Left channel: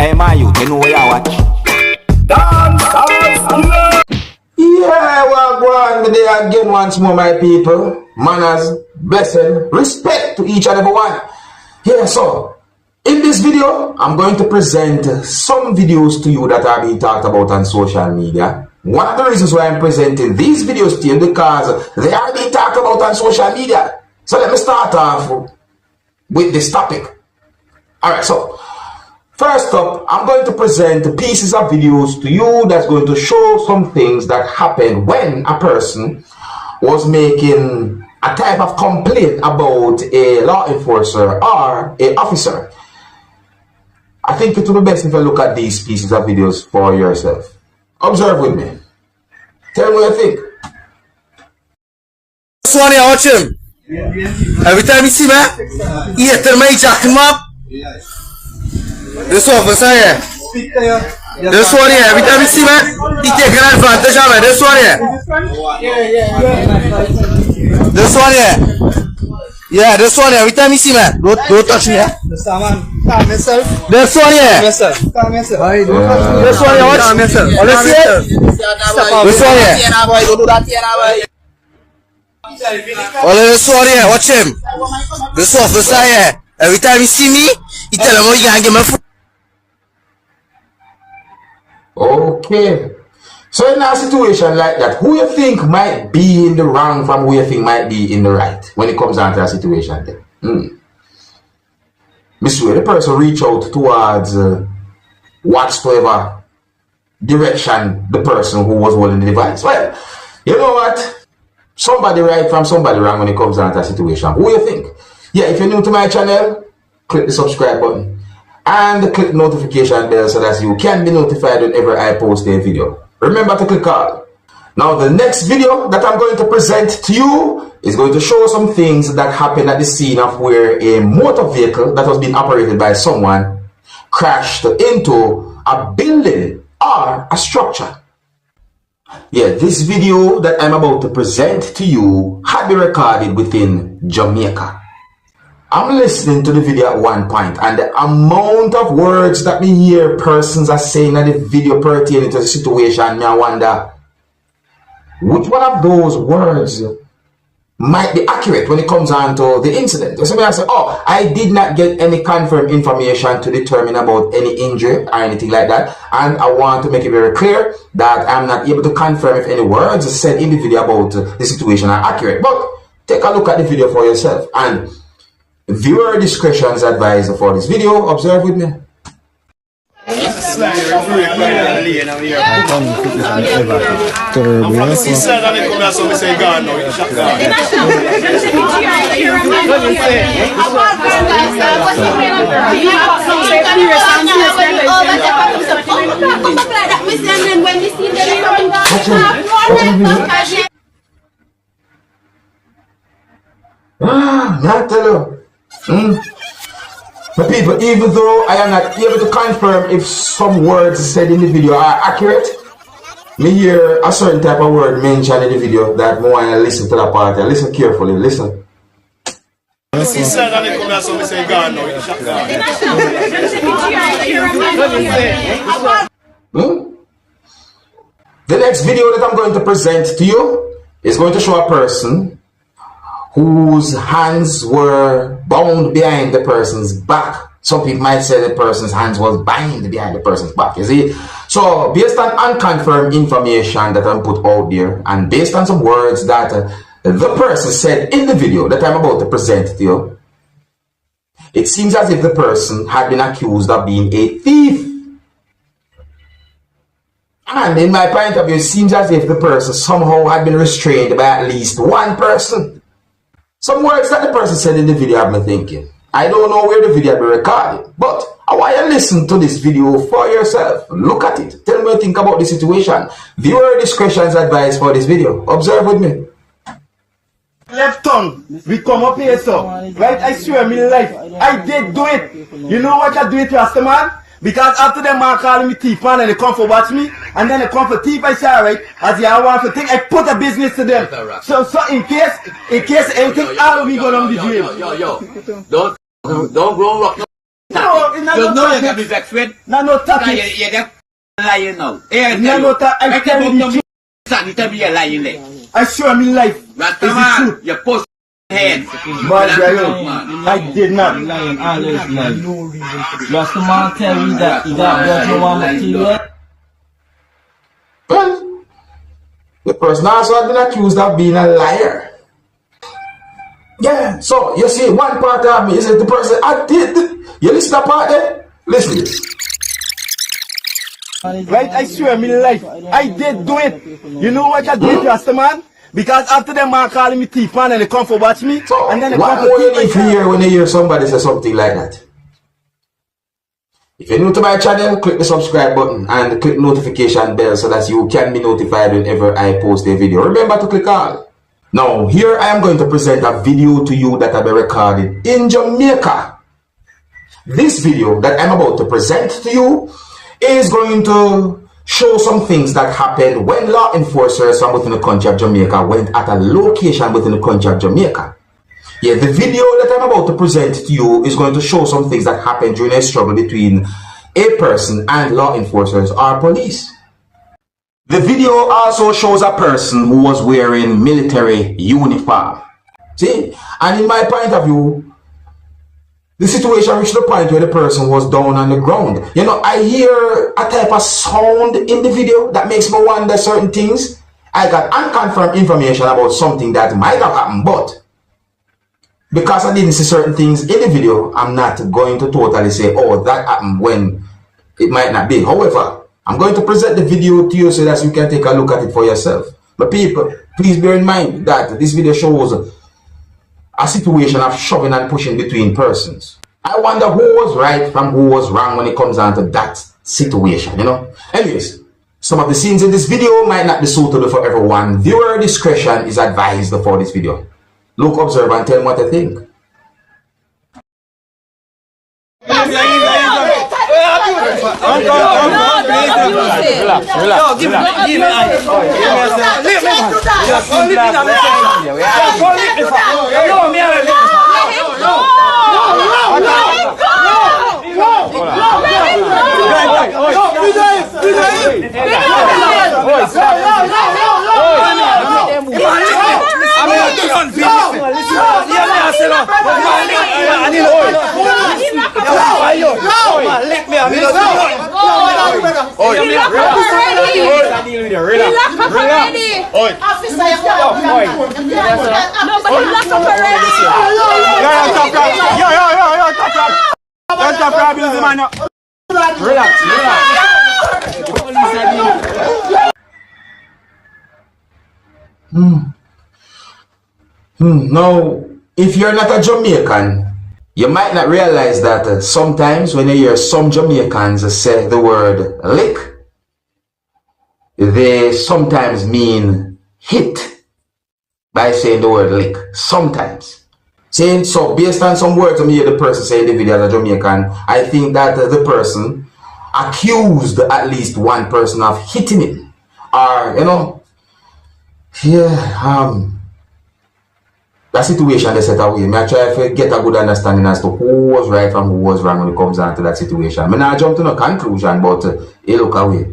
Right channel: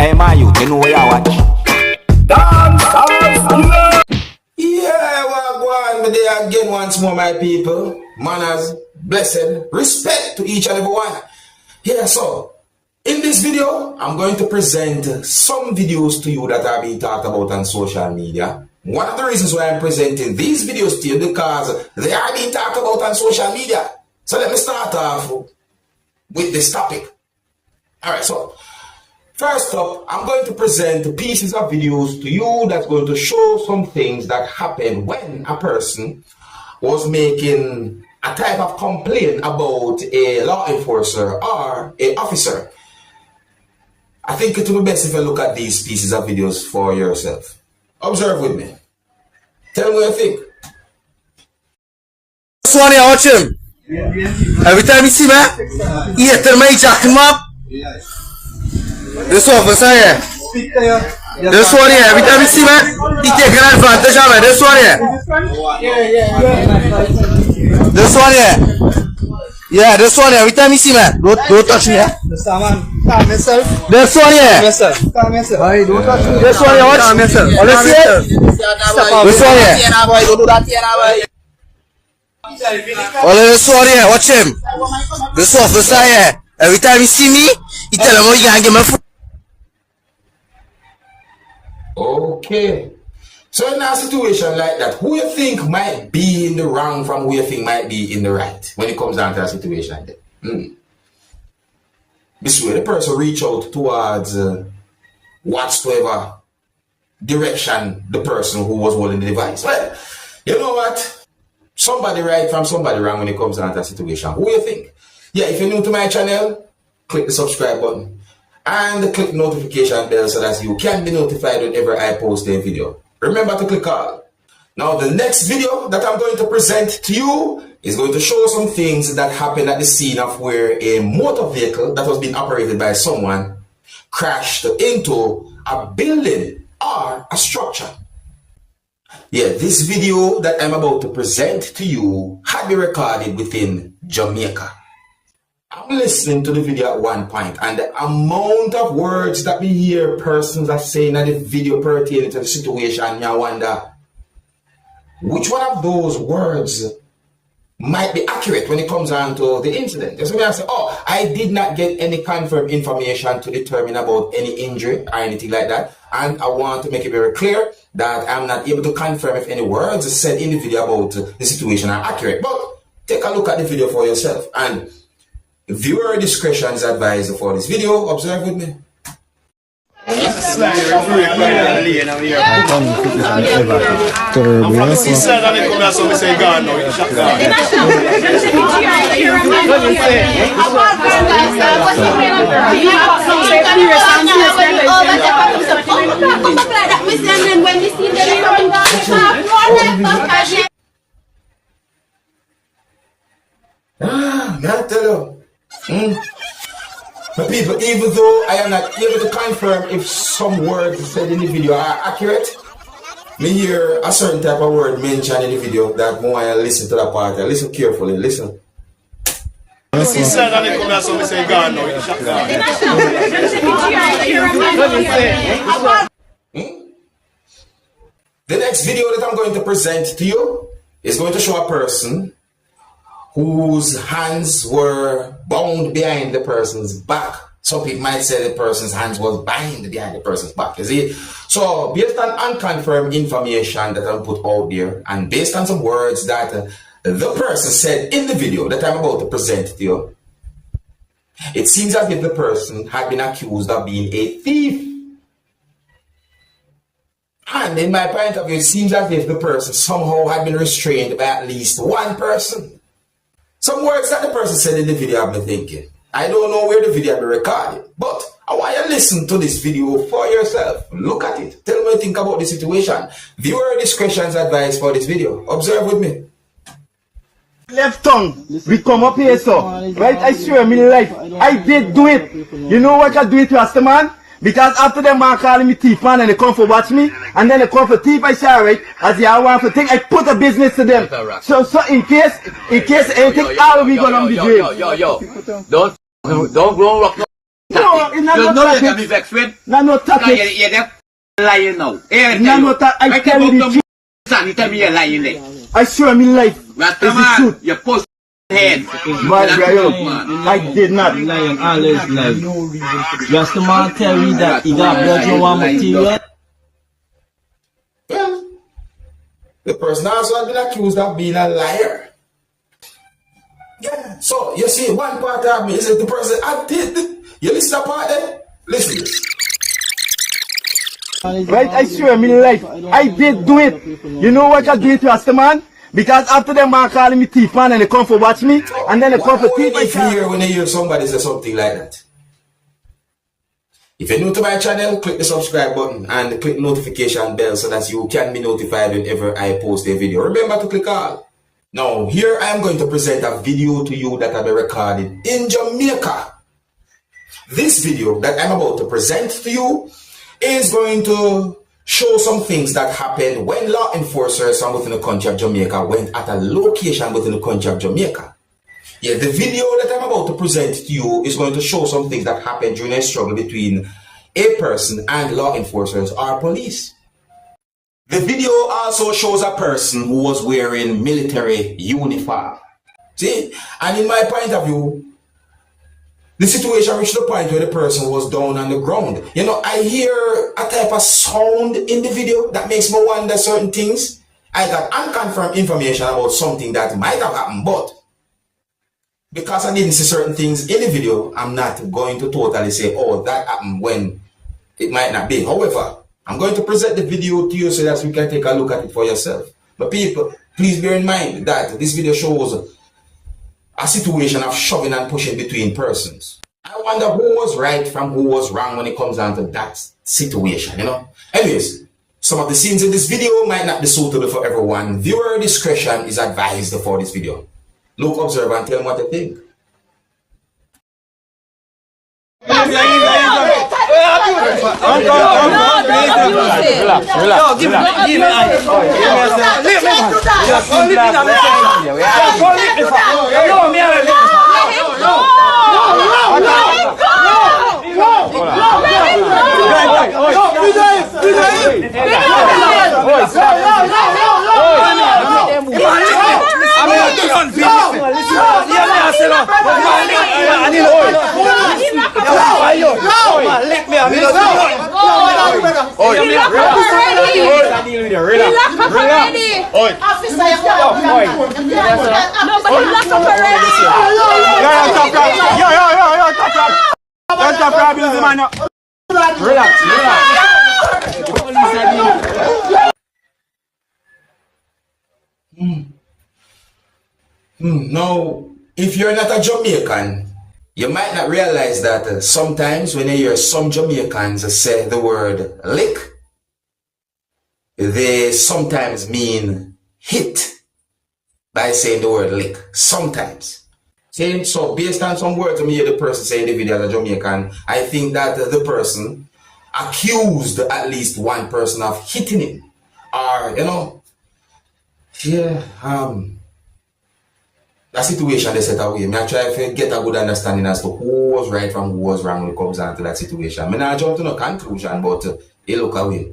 Hey, my youth, you know where you watch? Dancehall skilla. Yeah, well, go on today again once more, my people. Manners, blessing, respect to each and every one. Yeah, so in this video, I'm going to present some videos to you that are being talked about on social media. One of the reasons why I'm presenting these videos to you because they are being talked about on social media. So let me start off with this topic. Alright, so first up, I'm going to present pieces of videos to you that's going to show some things that happened when a person was making a type of complaint about a law enforcer or an officer. I think it will be best if you look at these pieces of videos for yourself. Observe with me. Tell me what you think. This one here, watch him. Every time you see me, he tell me jack him up. This officer here. This one here, every time you see me, he take an advantage of me. This one here. This one here. Yeah, this one here. Every time you see me, don't touch me. This one here. This one here, watch. Let's see it. This one here. This one here, watch him. This officer here. Every time you see me, he tell him, oh, you can't give me food. Okay. So in a situation like that, who you think might be in the wrong from who you think might be in the right when it comes down to a situation there? Miss Way, the person reach out towards whatsoever direction the person who was holding the device. Well, you know what? Somebody right from somebody wrong when it comes down to a situation. Who you think? Yeah, if you're new to my channel, click the subscribe button and click the notification bell so that you can be notified whenever I post a video. Remember to click all. Now the next video that I'm going to present to you is going to show some things that happened at the scene of where a motor vehicle that was being operated by someone crashed into a building or a structure. Yeah, this video that I'm about to present to you had been recorded within Jamaica. I'm listening to the video at one point, and the amount of words that me hear persons are saying in the video pertaining to the situation, me I wonder which one of those words might be accurate when it comes on to the incident. So I say, oh, I did not get any confirmed information to determine about any injury or anything like that, and I want to make it very clear that I'm not able to confirm if any words said in the video about the situation are accurate. But take a look at the video for yourself, and viewer discretion is advised for this video. Observe with me. Not tell you. But people, even though I am not able to confirm if some words said in the video are accurate, me hear a certain type of word mentioned in the video that I want to listen to that part. Listen carefully, listen. The next video that I'm going to present to you is going to show a person whose hands were bound behind the person's back. Some people might say the person's hands was bound behind the person's back, you see? So, based on unconfirmed information that I'm put out there, and based on some words that the person said in the video that I'm about to present to you, it seems as if the person had been accused of being a thief. And in my point of view, it seems as if the person somehow had been restrained by at least one person. Some words that the person said in the video have me thinking. I don't know where the video will be recorded, but I want you to listen to this video for yourself. Look at it. Tell me what you think about the situation. Viewer discretion is advised for this video. Observe with me. Left tongue, we come up here, so. Right? I swear, me life. I did do it. You know what I do it, Rasta man? Because after them man calling me thief man and they come for watch me, and then they come for thief, I say, alright, as I want to think, I put a business to them. So in case anything, all of me gonna be jail. Don't go rock no No, it's not You no know you can tactic. be vexed with. No Because tactic. you're lying now. No I tell you the truth. You tell me you're lying there. I swear my life is the Rastaman, truth. you post head. But I did not. Lying always lie. Just the man tell me that he got blood no one material. Well, the person also has been accused of being a liar. Yeah, so you see, one part of me is that the person, you listen to that part there? Listen to this. Right, I swear my life, I did do it. You know what I did, Rastaman? Because after them man calling me thief man and they come for watch me, So, and then they come for what thief if you hear when you hear somebody say something like that? If you're new to my channel, click the subscribe button and click notification bell so that you can be notified whenever I post a video. Remember to click all. Now, here I am going to present a video to you that I've been recorded in Jamaica. This video that I'm about to present to you is going to show some things that happened when law enforcers from within the country of Jamaica went at a location within the country of Jamaica. Yeah, the video that I'm about to present to you is going to show some things that happened during a struggle between a person and law enforcers or police. The video also shows a person who was wearing military uniform. See, and in my point of view, the situation reached the point where the person was down on the ground. You know, I hear a type of sound in the video that makes me wonder certain things. I got unconfirmed information about something that might have happened, but because I didn't see certain things in the video, I'm not going to totally say, oh, that happened when it might not be. However, I'm going to present the video to you so that you can take a look at it for yourself. But people, please bear in mind that this video shows a situation of shoving and pushing between persons. I wonder who was right from who was wrong when it comes down to that situation, you know? Anyways, some of the scenes in this video might not be suitable for everyone. Viewer discretion is advised for this video. Look, observe, and tell me what you think. Now, if you're not a Jamaican, you might not realize that sometimes when you hear some Jamaicans say the word lick, they sometimes mean hit by saying the word lick. Sometimes. Saying so, based on some words I hear the person saying the video as a Jamaican, I think that the person accused at least one person of hitting him. Or, you know, yeah, that situation they set away. I try to get a good understanding as to who was right from who was wrong when it comes down to that situation. I not jump to no conclusion, but look away.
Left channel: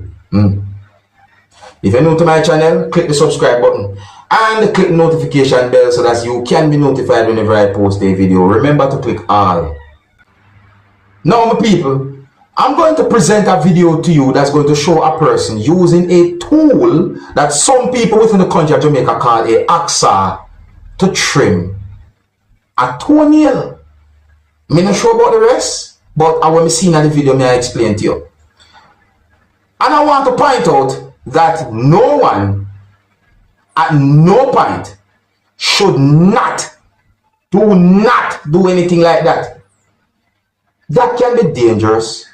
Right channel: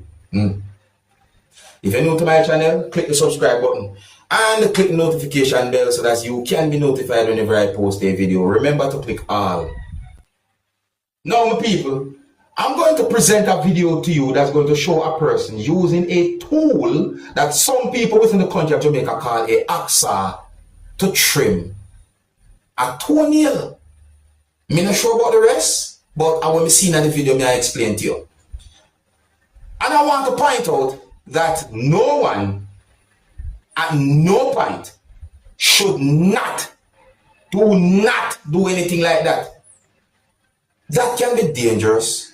If you're new to my channel, click the subscribe button and click the notification bell so that you can be notified whenever I post a video. Remember to click all. Now, my people, I'm going to present a video to you that's going to show a person using a tool that some people within the country of Jamaica call a hacksaw to trim a toenail. I'm not sure about the rest, but I want to see in the video, may I explain to you. And I want to point out that no one at no point should not do anything like that. That can be dangerous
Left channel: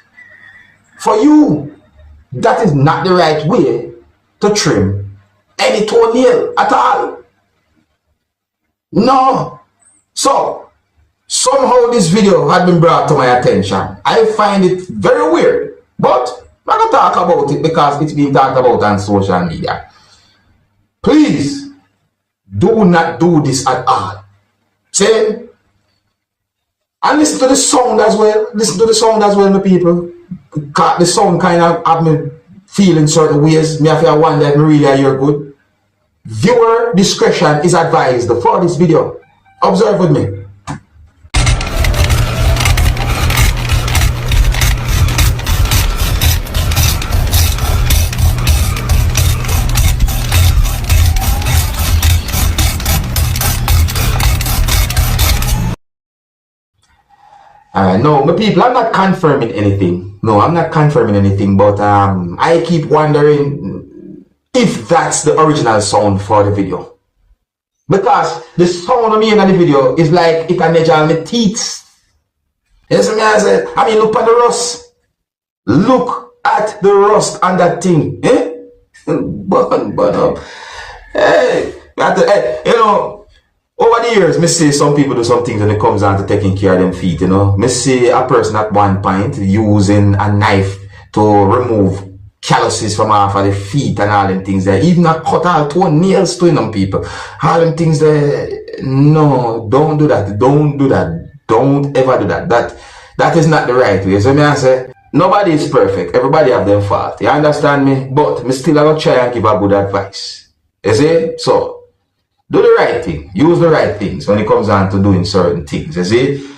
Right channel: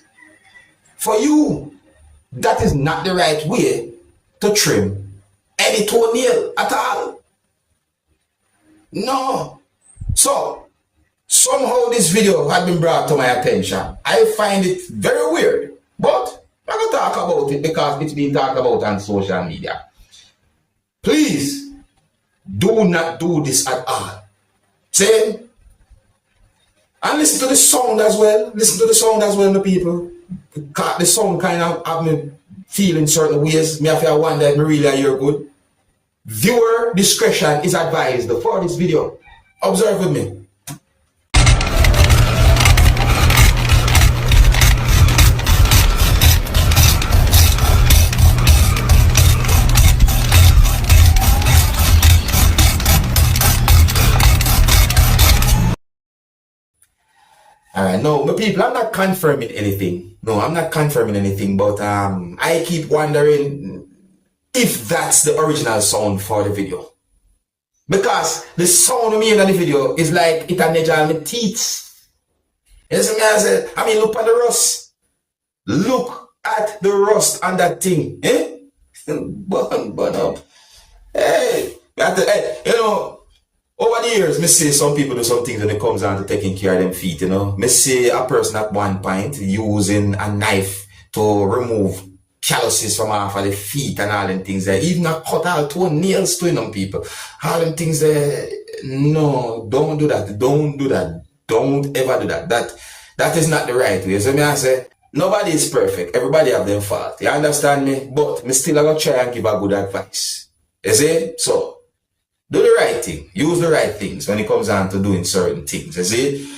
for you. That is not the right way to trim any toenail at all. No. So, somehow this video had been brought to my attention. I find it very weird, but I'm going to talk about it because it's being talked about on social media. Please, do not do this at all. Say, And listen to the sound as well. Listen to the sound as well, my people. Cause the sound kind of have me feeling certain ways. Me have to wonder if me really hear good. Viewer discretion is advised for this video. Observe with me. Alright, no, my people, I'm not confirming anything. No, I'm not confirming anything, but I keep wondering if that's the original sound for the video. Because the sound of me in the video is like it and my teeth. You see me I said? I mean, look at the rust. Look at the rust on that thing. Eh? But hey, you know, over the years, me see some people do some things when it comes down to taking care of them feet, you know. Me see a person at one point using a knife to remove calluses from off of the feet and all them things there. Even a cut out toe nails to them people. All them things there. No, don't do that. Don't do that. Don't ever do that. That is not the right way. So me I say, nobody is perfect. Everybody have their fault. You understand me? But me still gonna try and give a good advice. You see? So do the right thing. Use the right things when it comes down to doing certain things. You see?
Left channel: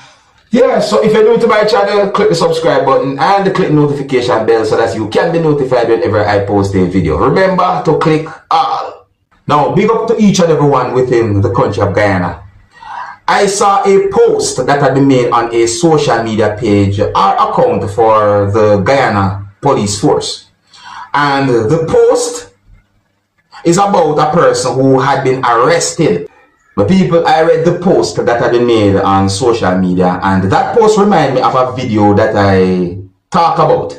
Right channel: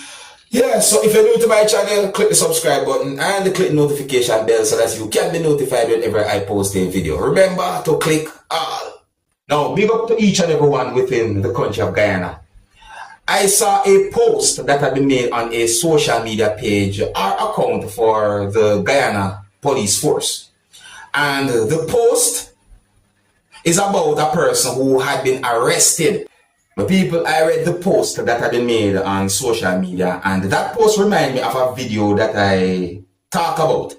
Yeah, so if you're new to my channel, click the subscribe button and click the notification bell so that you can be notified whenever I post a video. Remember to click all. Now, big up to each and every one within the country of Guyana. I saw a post that had been made on a social media page or account for the Guyana police force. And the post is about a person who had been arrested. But people, I read the post that had been made on social media, and that post reminded me of a video that I talked about.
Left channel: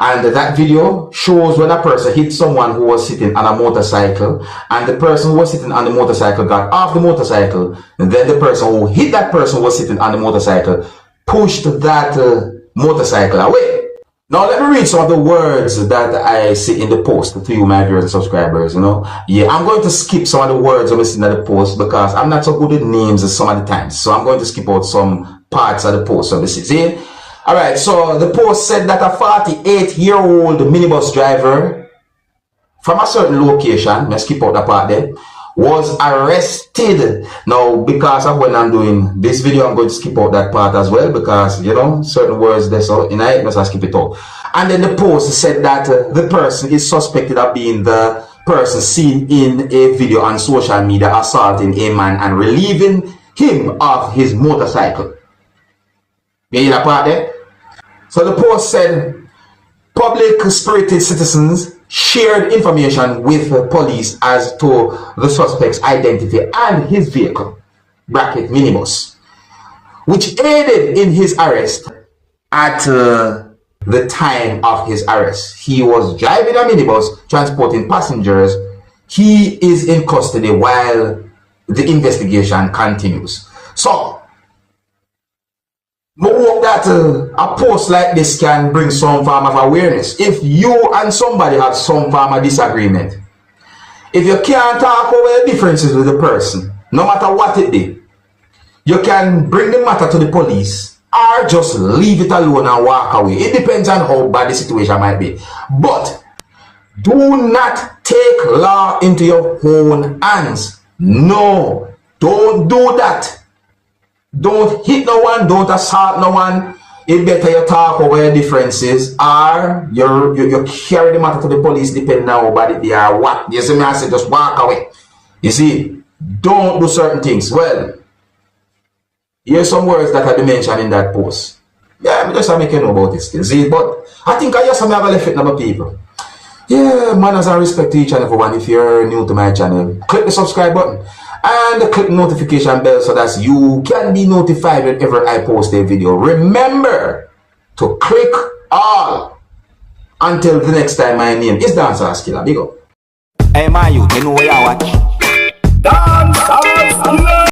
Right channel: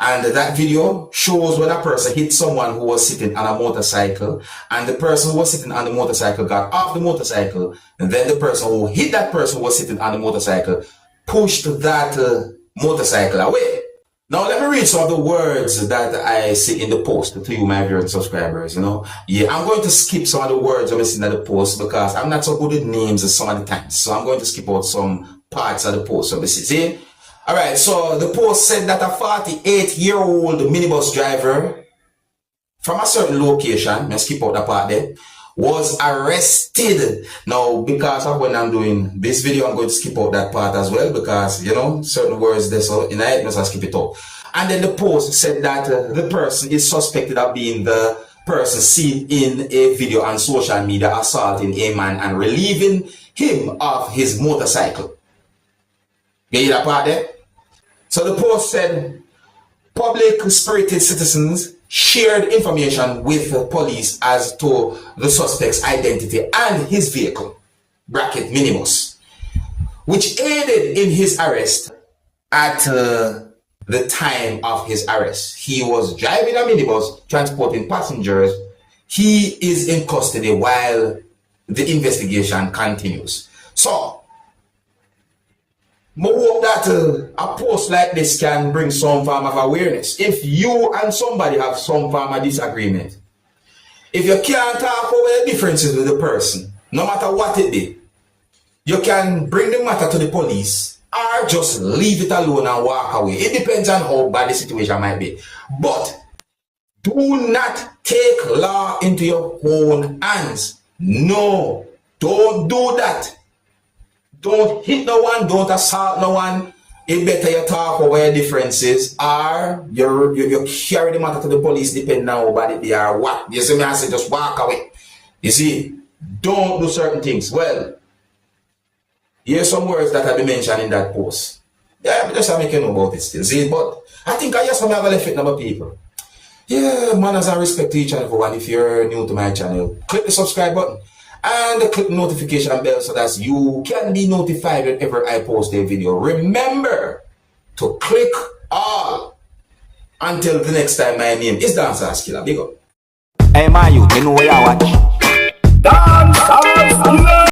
And that video shows when a person hit someone who was sitting on a motorcycle, and the person who was sitting on the motorcycle got off the motorcycle, and then the person who hit that person who was sitting on the motorcycle pushed that motorcycle away. Now let me read some of the words that I see in the post to you, my viewers and subscribers, you know. Yeah, I'm going to skip some of the words I'm seeing in the post because I'm not so good with names some of the times. So I'm going to skip out some parts of the post. So this is it. Alright, so the post said that a 48-year-old minibus driver from a certain location, let's skip out the part there, was arrested. Now, because of when I'm doing this video, I'm going to skip out that part as well because, you know, certain words there, so in it, must skip it out. And then the post said that the person is suspected of being the person seen in a video on social media assaulting a man and relieving him of his motorcycle. You hear that part there? So the post said, public spirited citizens shared information with the police as to the suspect's identity and his vehicle, bracket minibus, which aided in his arrest at the time of his arrest. He was driving a minibus transporting passengers. He is in custody while the investigation continues. So, I hope that a post like this can bring some form of awareness. If you and somebody have some form of disagreement, if you can't talk over the differences with the person, no matter what it is, you can bring the matter to the police or just leave it alone and walk away. It depends on how bad the situation might be. But do not take law into your own hands. No, don't do that. Don't hit no one, don't assault no one. It better you talk over your differences or you carry the matter to the police depending on how bad it are what. You see me, I say just walk away. You see, don't do certain things. Well, here's some words that have been mentioned in that post. Yeah, I'm just making know about this thing. See, but I think I just have a left number of people. Yeah, manners and respect to each and every one. If you're new to my channel, click the subscribe button and click the notification bell so that you can be notified whenever I post a video. Remember to click all. Until the next time, my name is Dancehall Skilla. Big up. Hey, my youth, you know where you watch? Dancehall!